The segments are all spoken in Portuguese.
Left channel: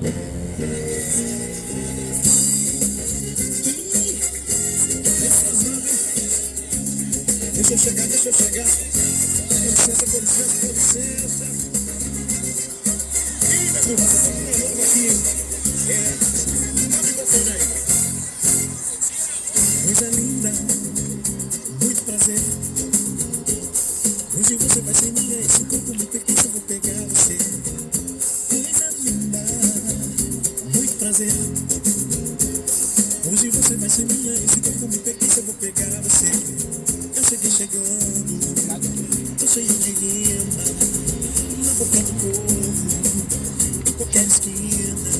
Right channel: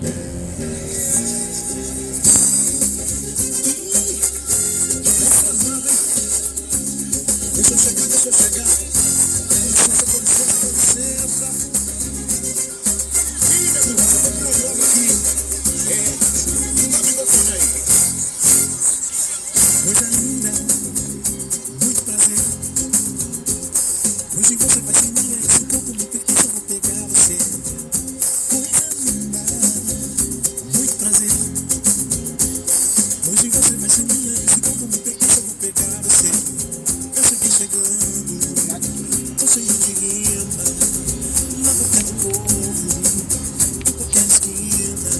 Deixa eu chegar, deixa eu chegar. Com licença. Ih, meu burro, eu tô com um nome aqui. Nome você aí. Coisa linda, muito prazer. Hoje você vai ser minha, esse corpo me pertence, eu vou pegar você. Coisa linda, muito prazer. Hoje você vai ser minha, esse corpo me pertence, eu vou pegar você. Eu sei que chegando, tô cheio de rima, na boca do povo, em qualquer esquina.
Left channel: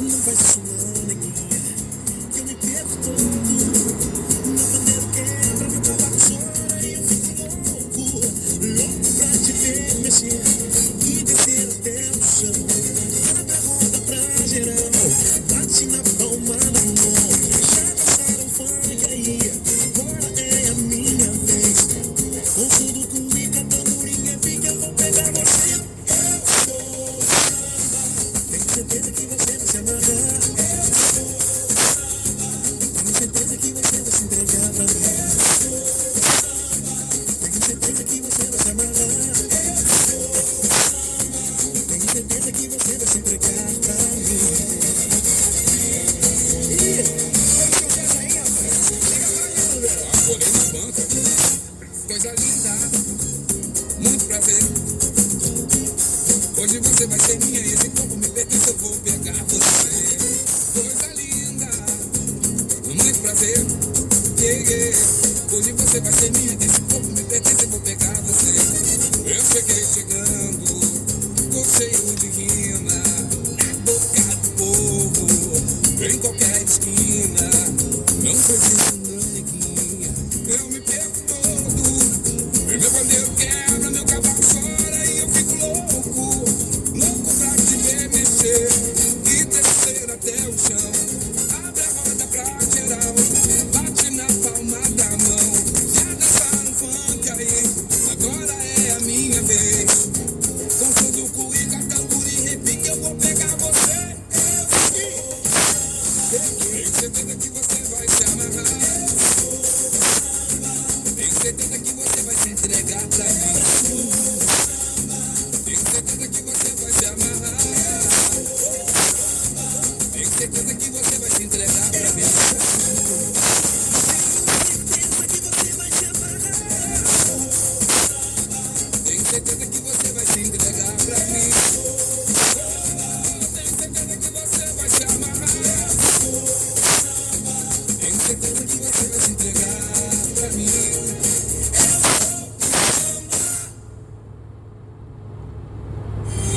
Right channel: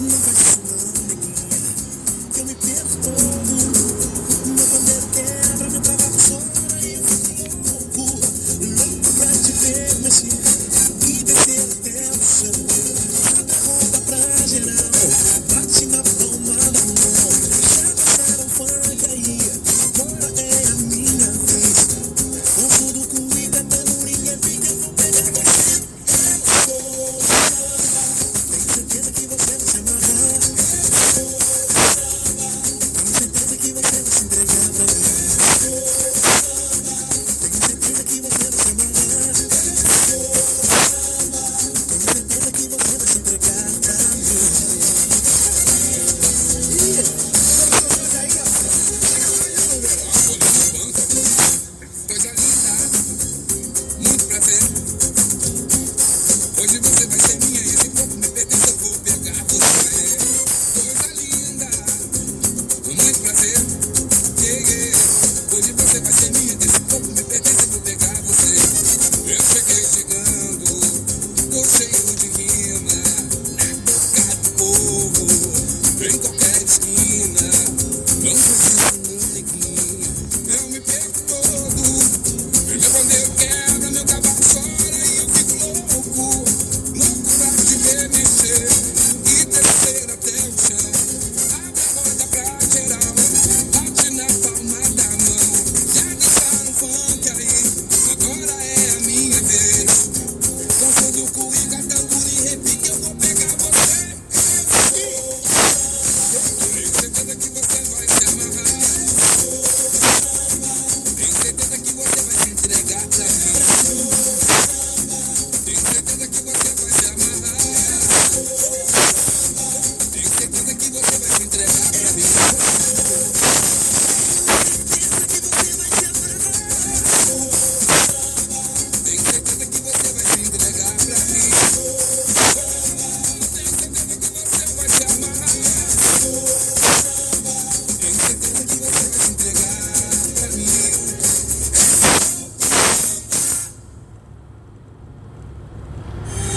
Não faz isso não, neguinha, que eu me perco todo. Meu pandeiro quebra, meu cavalo chora e eu fico louco pra te ver mexer e descer até o chão. Roda pra geral, bate na palma da mão. Já passaram funk aí, agora é a minha vez. Com tudo comida, tamborinha, pique, eu vou pegar você. Tenho certeza que você vai se amarrar. Tenho certeza que você vai se entregar pra mim. Tenho certeza que você vai se amarrar. Tenho certeza que você vai se entregar pra mim. Coisa linda, muito prazer. Hoje você vai ser minha, esse corpo me pertence, eu vou pegar você. Coisa linda, muito prazer. Hoje você vai ser minha, esse corpo me pertence, eu vou pegar você. Eu cheguei chegando, tô cheio de rima, na boca do povo, em qualquer esquina. Não faz isso não, neguinha, eu me perco todo. Meu pandeiro quebra, meu cavalo chora e eu fico louco pra te ver mexer e descer até o chão. Abre a roda pra geral, bate na palma da mão. Já dançaram funk aí, agora é a minha vez. Com todo cuíca, tamborim, repique, eu vou pegar você. Tenho certeza que você vai se amarrar. Tenho certeza que você vai se entregar pra mim. Tenho certeza que você vai se amarrar. Tenho certeza que você vai se entregar pra mim. Tenho certeza que você vai se entregar pra mim. Tenho certeza que você vai se amarrar. Tenho certeza que você vai se entregar.